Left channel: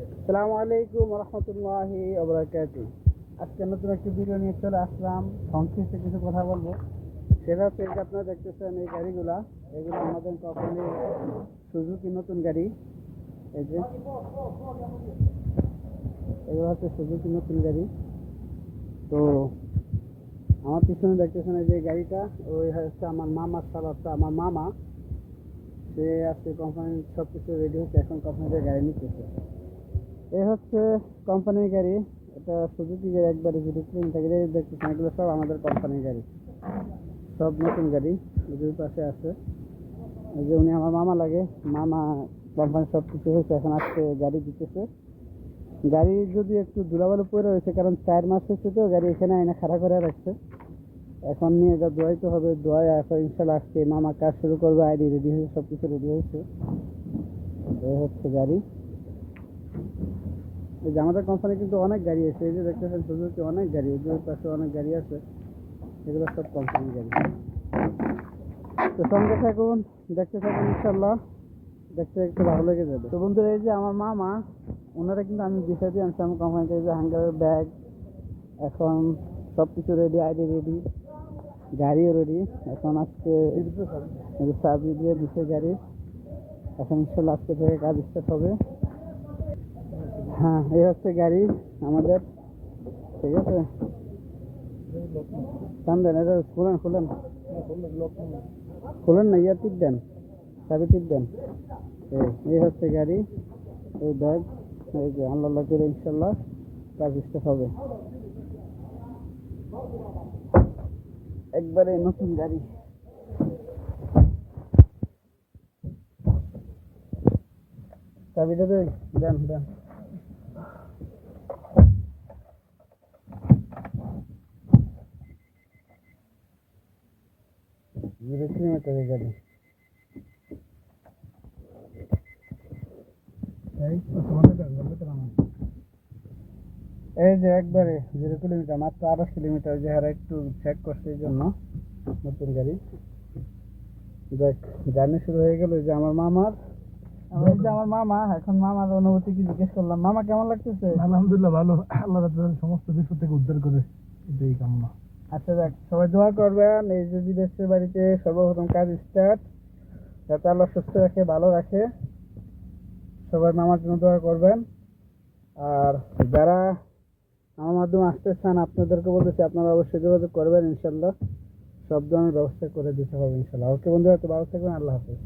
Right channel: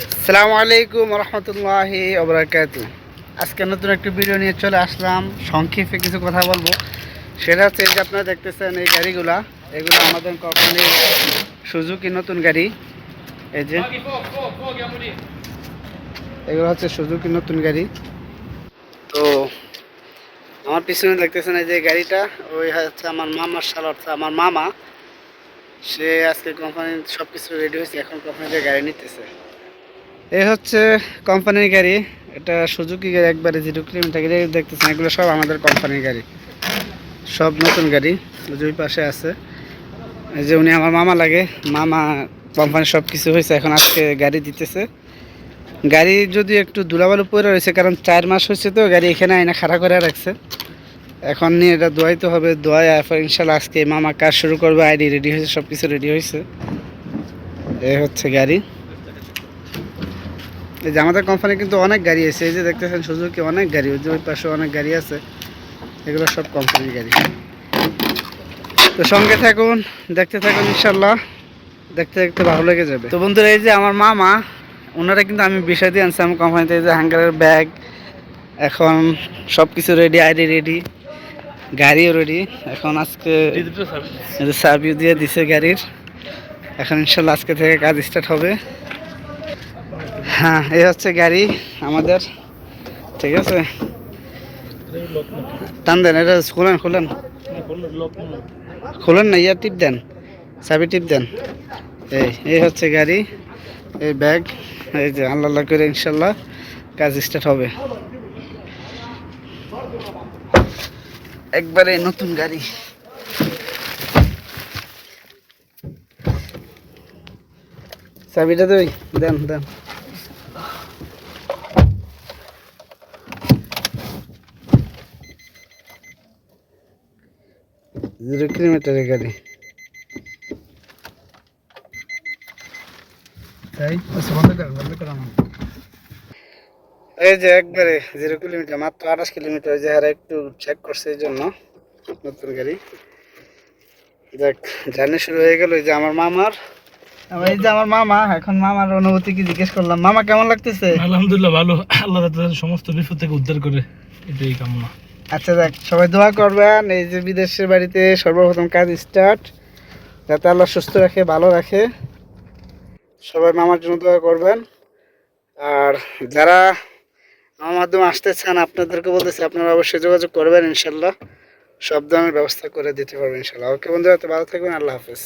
আসসালামু আলাইকুম রহমতুল্লাহি ওবরাকাতু। আজকে নতুন একটি ভিডিও নিয়ে চলে আসলাম। সংক্ষেপে কিছু কথা বলবো। সেটা হচ্ছে যে আপনারা দেখতেছেন এই গাড়িগুলো, এগুলো আমাদের কোম্পানির সুজুকি নতুন গাড়ি। এই যে এগুলো হচ্ছে সুজুকি নতুন গাড়ি। তো আমার পিছনে দেখতেছেন এই যে গাড়িটা, ওই হচ্ছে আমার মামার শাল, অর্থাৎ আমার মামা। সে আজকে কোম্পানির সব কিছু রেডি হয়েছে, এখন কোম্পানিতে গাড়ি নিতেছে। এই হচ্ছে কোম্পানির গাড়ি। এটা সুজুকি গাড়ি, একবারে 0 কিলোমিটার গাড়ি দেখতেছেন। এগুলো সব আমাদের কোম্পানির গাড়ি, সব নতুন গাড়ি। দুই পাশে আছে এই যে উনি আমার মামা লাগে। মামা কোম্পানির সব কিছু হয়েছে, এখন আজকে গাড়ি দিতেছে। গাড়ি যদি একটু ধুলাবালু পরে রয়েছে, কারণ 4 মাস হয়েছে তো গাড়ি এখানে আইনা খাড়া করে রাখছে। এখন নিয়ে এটা ধোয়াইতে হবে, ধোয়াই এরপর ইনশাল্লাহ আজকে মামা কাজ শুরু করবে। আইডি রেডি হয়েছে, সব কিছু রেডি হয়েছে। এই হচ্ছে গাড়ি। এই যে আমাদের কোম্পানি কিন্তু অনেক গাড়ি আছে, এই যে দেখতেছেন সুজুকি অনেক গাড়ি, ওই যে ওই পাশে অনেক গাড়ি আছে। এগুলো সব কোম্পানির গাড়ি। তো সঙ্গে থাকুন, দেখতে থাকুন, ইনশাল্লাহ দেখতে দেখতে ভালো লেগে যাবে। তো বন্ধুরা, এই যে আমার মামা, ওনারা কিন্তু আমি বিষয় দিয়ে আনছি আমার কোম্পানিতে। এই যে হ্যাঙ্গারের ব্যাগ, এখন সব কিছু রেডি, আইডি রেডি, গাড়িও রেডি। এখন আজকে সার্ভিস দিয়ে দিছে গাড়ির। এখন ইনশাল্লাহ আজকে থেকে কাজ স্টার্ট হবে। হ্যাঁ, এই হচ্ছে গাড়ি আমাদের। ঠিক আছে, টান দেন, এটা খুলেন খুলেন খুলেন না, ইয়া টিপ দেন, চাবি টিপ দেন। এই হচ্ছে গাড়ি, এই ব্যাগ। এই যে আল্লাহ করে ইনশাল্লাহ কাজ স্টার্ট হবে। একবারে নতুন গাড়ি। চাবিটা দেই, দেন দেন। 0 কিলোমিটারের গাড়ি। এই যে একবারে 0 কিলোমিটার, মাত্র 28 কিলোমিটার। যে হারা একটু চেক করছে এই জন্য নতুন গাড়ি। দেখ, জার্নি শুরু হয়ে গেল। এই যে আমার মামার, এই যে আমার মামা। এখন মামার অনুভূতি কি জিজ্ঞেস করলাম। মামা কেমন লাগতেছে? আলহামদুলিল্লাহ ভালো, আল্লাহ তাআলা সমস্ত বিপদ থেকে উদ্ধার করে, এটাই কামনা। আচ্ছা দেখ, সবাই দোয়া করবেন। এই যে বিদেশের বাড়িতে সর্বপ্রথম কাজ স্টার্ট, যাতে আল্লাহ সুস্থ রাখে, ভালো রাখে। সবাই মামার জন্য দোয়া করবেন। আর যারা আমার মাধ্যমে আসতে চান, আপনাদেরকে বলতেছি আপনারা অবশ্যই যোগাযোগ করবেন। ইনশাল্লাহ সব ধরনের ব্যবস্থা করে দিতে পারবেন ইনশাল্লাহ। ওকে বন্ধুরা, তো ভালো থাকবেন। আল্লাহ হাফেজ।